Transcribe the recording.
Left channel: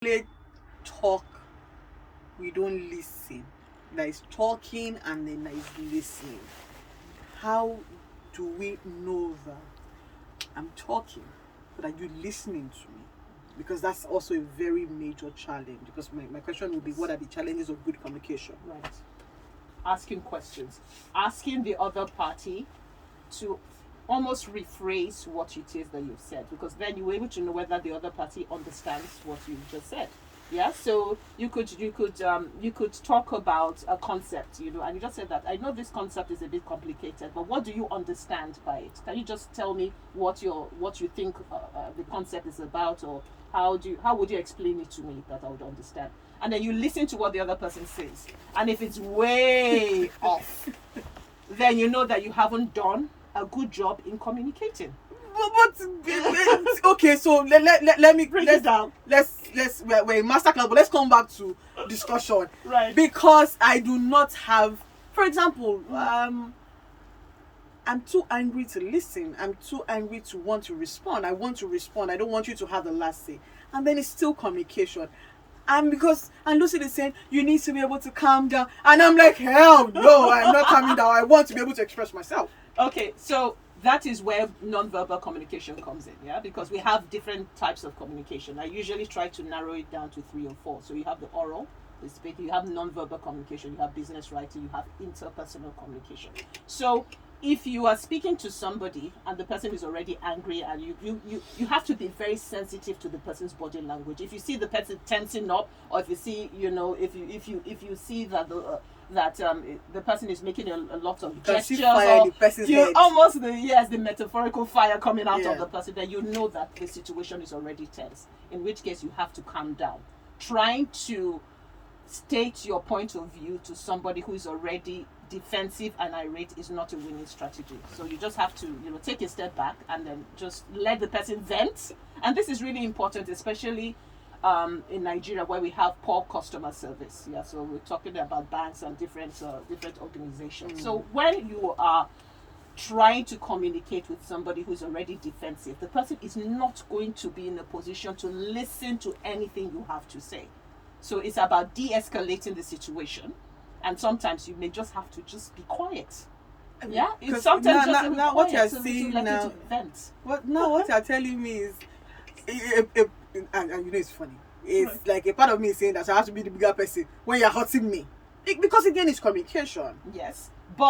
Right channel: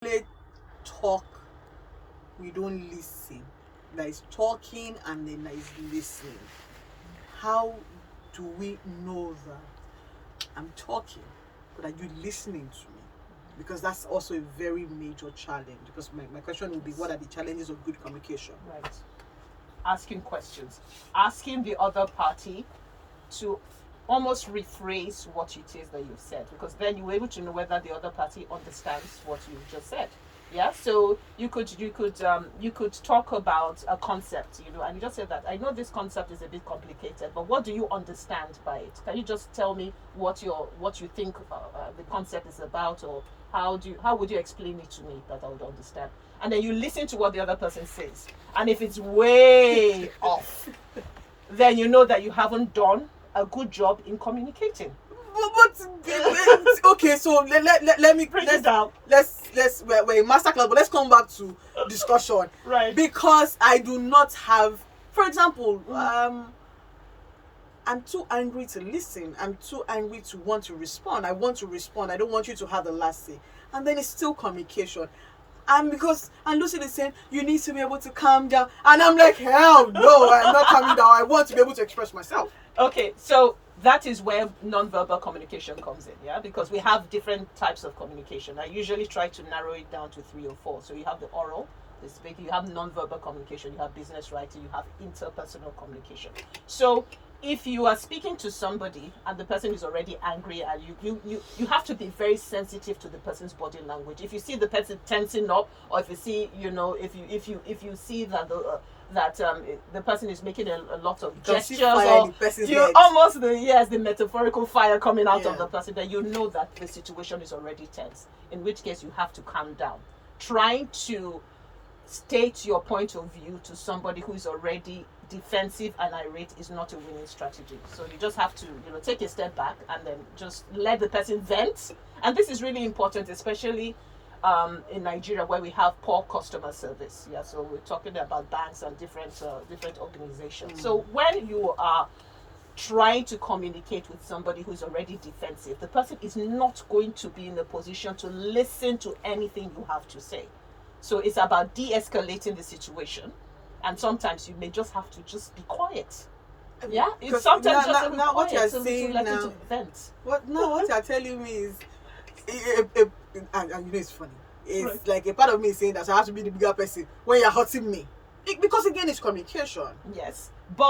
play talk, we don't listen. There is talking and then there is listening. How do we know that I'm talking, but are you listening to me? Because that's also a very major challenge. Because my question would be, what are the challenges of good communication? Right. Asking questions. Asking the other party to almost rephrase what it is that you've said, because then you're able to know whether the other party understands what you just said. Yeah, so you could talk about a concept, and you just said that I know this concept is a bit complicated, but what do you understand by it? Can you just tell me what you think the concept is about, or how would you explain it to me that I would understand? And then you listen to what the other person says, and if it's way off, then you know that you haven't done a good job in communicating. But okay, so let me Break it down. We're in masterclass, but let's come back to discussion. Right. Because I do not have, for example, I'm too angry to listen. I'm too angry to want to respond. I want to respond. I don't want you to have the last say. And then it's still communication. And Lucille is saying, you need to be able to calm down. And I'm like, hell no, I'm not calming down. I want to be able to express myself. Okay, so that is where non-verbal communication comes in, yeah? Because we have different types of communication. I usually try to narrow it down to 3 or 4. So you have the oral, the speaking, you have non-verbal communication, you have business writing, you have interpersonal communication. So if you are speaking to somebody and the person is already angry, and you have to be very sensitive to the person's body language. If you see the person tensing up, or if you see, if you see that the person is making a lot of gestures, or you almost the metaphorical fire coming out of the person, then you know that the situation is already tense. In which case you have to calm down. Trying to state your point of view to somebody who is already defensive and irate is not a winning strategy. So you just have to take a step back and then just let the person vent. And this is really important, especially in Nigeria, where we have poor customer service. Yeah, so we're talking about banks and different organizations. So when you are trying to communicate with somebody who's already defensive, the person is not going to be in a position to listen to anything you have to say. So it's about de-escalating the situation, and sometimes you may just have to just be quiet. Yeah, it's sometimes just be quiet. What you're to saying let now, it vent. what you're telling me is, and it's funny. It's Right. like a part of me is saying that I have to be the bigger person when you're hurting me, because again, it's communication. Yes.